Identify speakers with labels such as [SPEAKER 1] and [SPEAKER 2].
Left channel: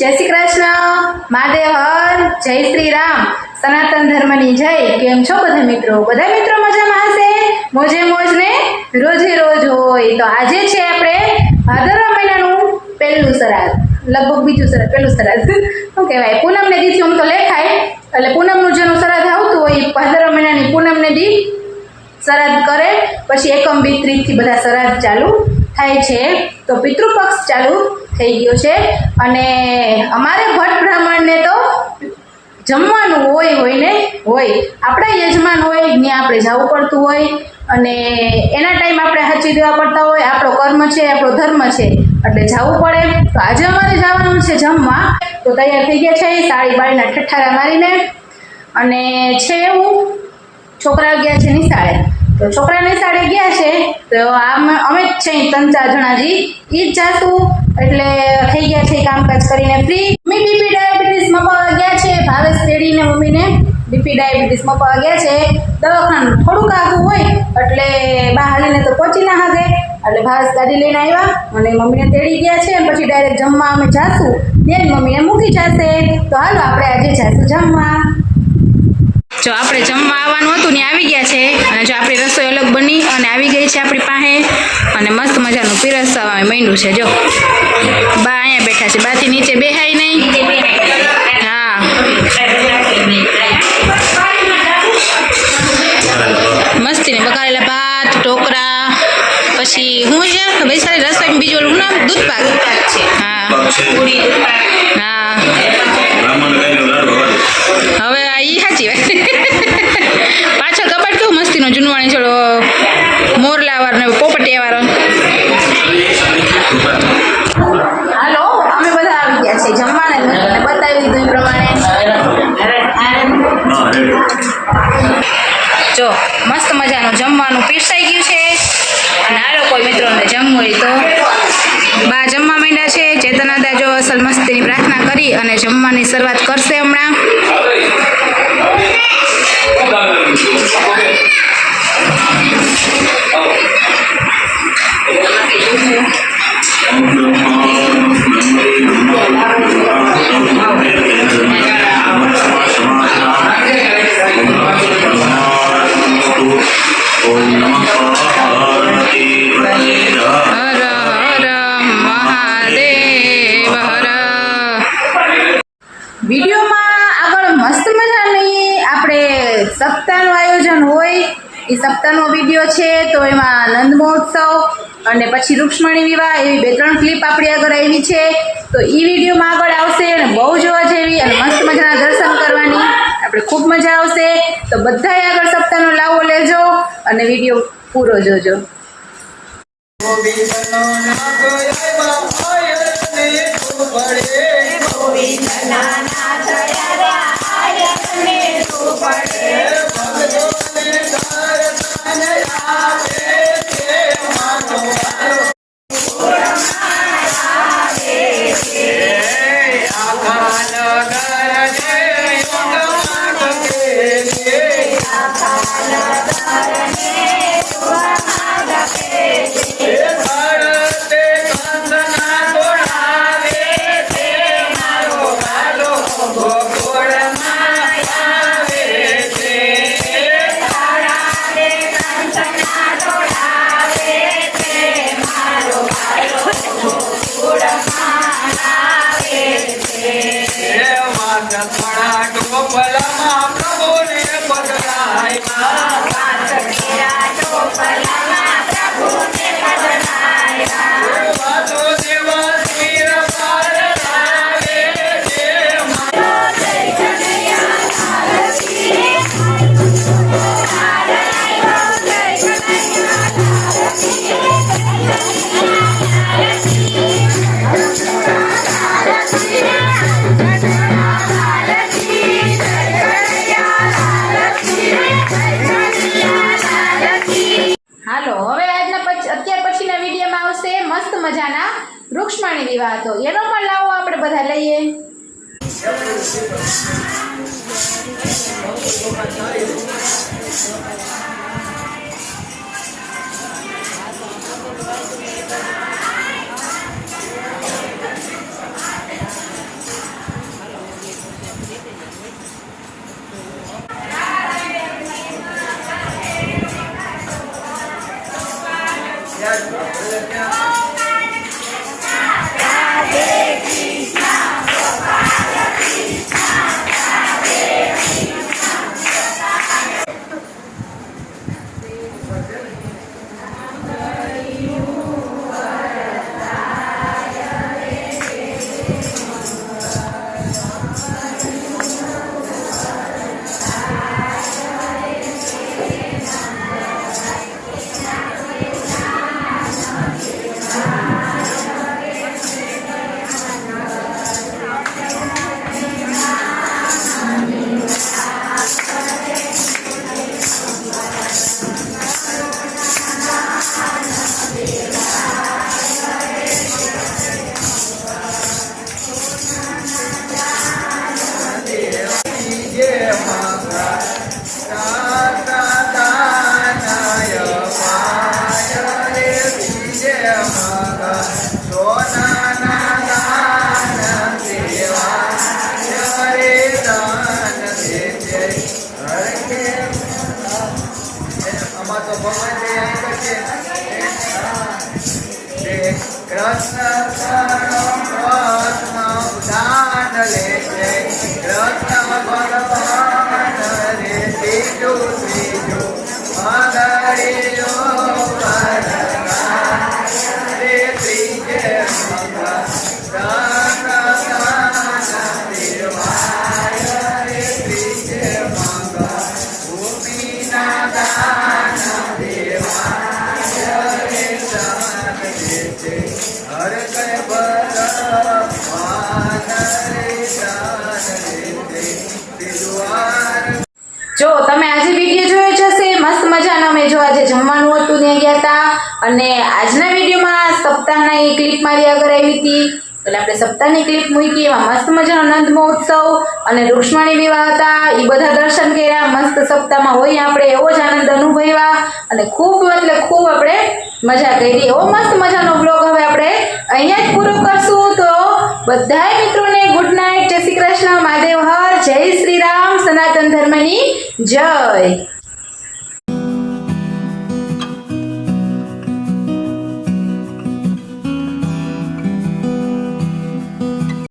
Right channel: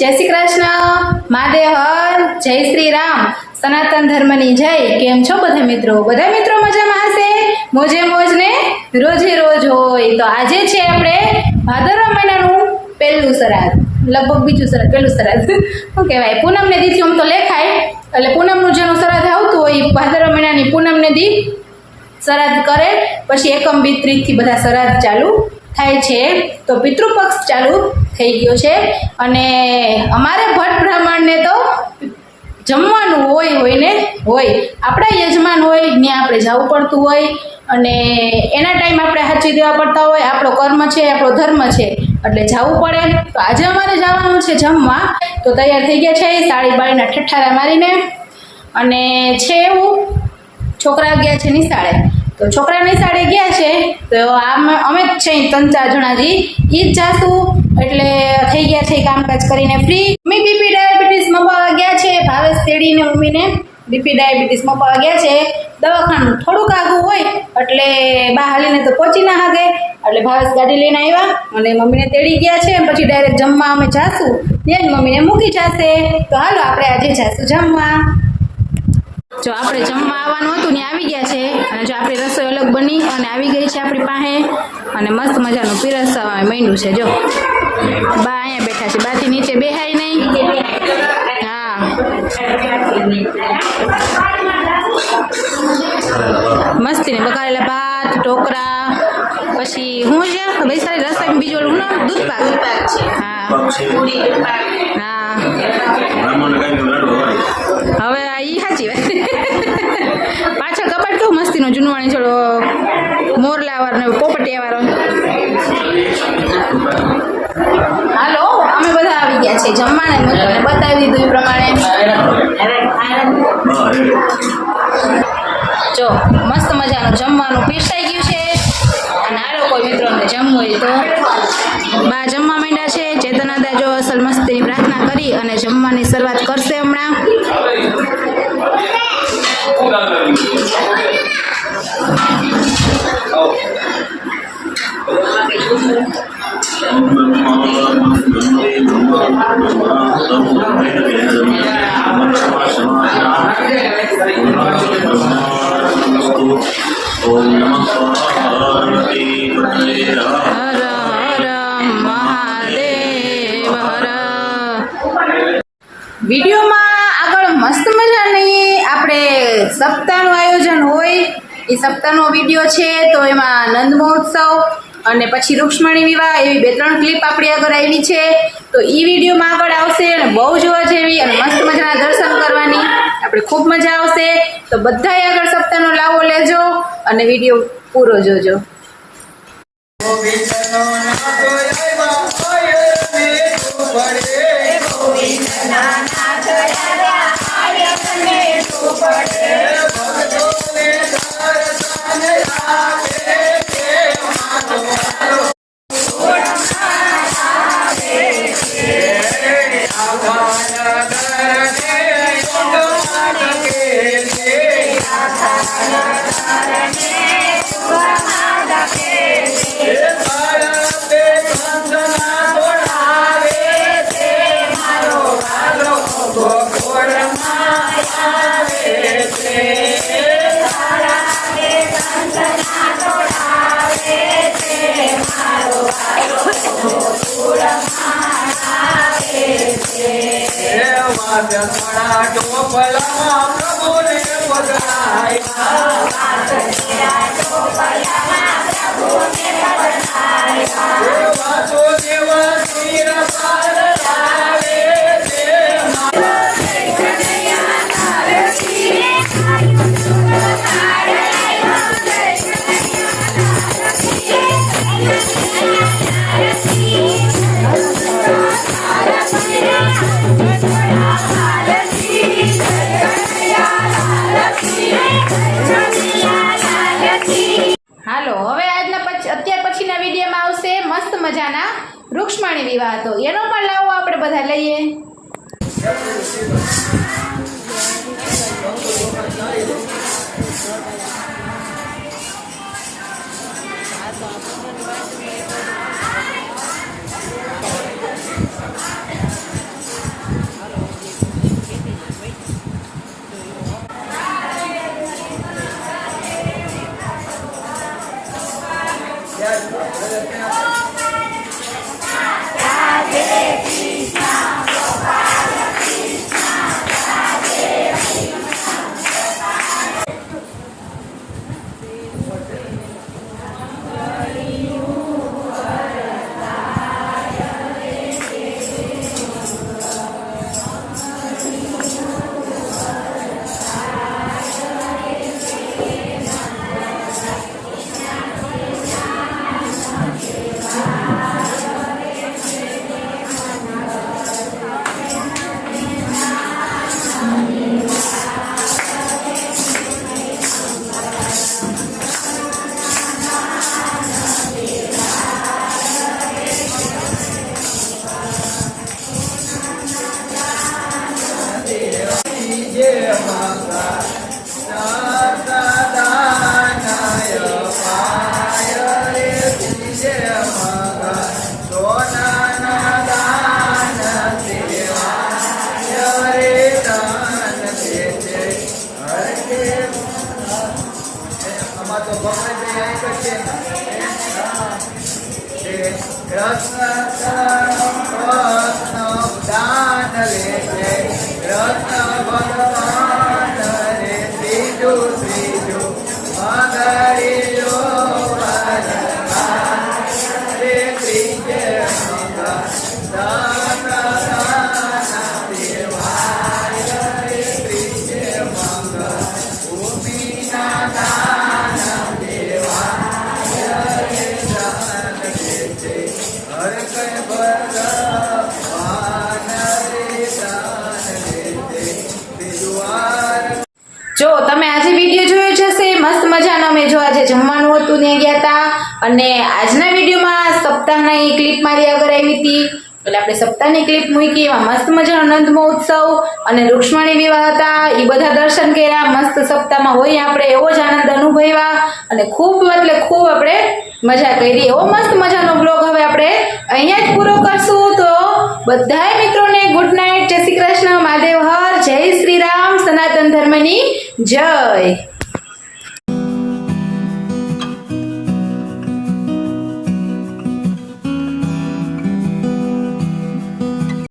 [SPEAKER 1] જય શ્રી કૃષ્ણ. મહાદેવ હર, જય શ્રી રામ. સનાતન ધર્મની જય. કેમ છો બધા મિત્રો? બધા મિત્રો મજામાં હશે? મોજે મોજ ને રોજે રોજ હોય. તો આજે છે આપણે ભાદરવા મહિનાનું પહેલું શ્રાદ્ધ લગભગ બીજું શ્રાદ્ધ પહેલું શ્રાદ્ધ શું કહેવાય? પૂનમને દીથી આમ તો લેખાય. એટલે પૂનમનું જેનું શ્રાદ્ધ આવતું હોય ભાદરવા મહિનાની પૂનમને દી શ્રાદ્ધ કરે. પછી એકમ બી ત્રીજથી બધા શ્રાદ્ધ ચાલુ થાય છે, તો પિતૃપક્ષ ચાલુ થઈ ગયો છે. અને અમારે ભટ્ટ બ્રાહ્મણને તો જમવાનું હોય હોય ને? હોય. આપણા યજમાન હોય, ત્યાં આપણે જવું પડતું હોય. અને એના ટાઈમ આપણે સાચી દેવા પડતા હોય. આપણો કર્મ છે, આપણો ધર્મ છે. એટલે જવું પડે. તો આજે અમારે જવાનું છે જમવા. તો તૈયાર થઈ ગયા છે, સાડી બાળીના ઠઠ્ઠારા મારીને. અને છે એવું. છોકરા ગયા છે નિશાળે. તો છોકરાની સાડે ગયા છે, તો આમ અમે જ છે ત્રણ ચાર જણાજી એ જ જાશું, એટલે થઈ ગયા છે કામકાજ કરીને ફ્રી મમ્મી બીપી ડાયાબિટીસ મપાવા ગયા છે, ભાવેશ તેડીને મમ્મીને બીપી ડાયાબિટીસ મપાવા ગયા છે. દવાખાનું થોડુંક આગું હોય, એટલે બા હાલીને તો પહોંચી ના હાગે. એટલે ભાવેશ ગાડી લઈને આવ્યા, અને મમ્મીને તેડી ગયા છે પછી ડાયરેક્ટ જમવા અમે જાશું. ત્યાં મમ્મીને મૂકી જશે. તો હાલો, આપણે આજે જાશું જમવા. જો આપણે જમવા આવવાનું હતું ને આવી ગયા છે અને જો આપણી રસોઈ અલગ બની અને આવી ગઈ છે આપણી પાસે અને મસ્ત મજાનું પીરસવા માંડ્યું છે જો. બા અહીંયા બેઠા છે. બાથી નીચે બેહાય નહીં. હા. મસ્તીને બગાડેલા ભાત ઢોકળા પછી હું છે વૈશાલી રસોઈ બીજું ઓલું નામ? દૂધ પાક હા. જમવાને મેં તમને બતાવી દીધું એ પ્રમાણે. જો મસ્ત મજાનું જમવાનું પીરસાઈ ગયું છે. અને આ લોકો મિત્રોને જમવું હોય તો બા જમવા માંડ્યા છે. ચેતનાદા જો અસલ મસ્તીની પ્રાર્થના કરી અને જમવાની શરૂઆત કરશે હમણાં.
[SPEAKER 2] ઓમ
[SPEAKER 1] વિડીયોમાં આગળ મસ્ત મજાની આપણે સપ્તાહનું આયોજન હોય, એ સપ્તાહનો વીડિયો છે, તો એમાં નંદ મહોત્સવ અને પછી રૂક્ષ્મણી વિવાહ એવી બે ત્રણ ક્લિપ આપણી આગળ આવી છે. તો એ વિડીયોમાં આગળ આવશે અને બહુ જોવા જેવી અને મસ્ત મજાના દર્શન કરવાની. આપણે ખૂબ મજા આવશે. તો બધાય આગળ સપ્તાહનો લાવો લેજો અને વીડિયો પૂરો જોજો. નાના થયા આયમને તું પડે હાલો વૃક્ષમાણી વિવાહ તો એનો પણ લાવો આપણે બધા લઈએ. જો જમવાનું ગયા હતા અને આજના વિડીયોમાં સપ્તાહના એ ક્લિપ મારી આગળ આવી હતી. એટલે આપણે સપ્તાહની ક્લિપ મૂકી, એમાં મસ્ત મજાનો નંદ મહોત્સવ અને રૂક્ષ્મણી વિવાહ હતા. એ બધા દર્શન કર્યા, મસ્ત સપ્તાહમાં હોય આપણે એવો જ આનંદ અનુભવ્યા અને ખૂબ એટલે ખૂબ આપણે મજા કરી. એવો મસ્ત મજાનો બ્લોગ હવે આપણે અહીંયા જ પૂરો કરશું. તો બધાય મિત્રોને ગુડ નાઇટ જય શ્રી કૃષ્ણ. મહાદેવ. હર જય શ્રી રામ. સનાતન ધર્મની જય.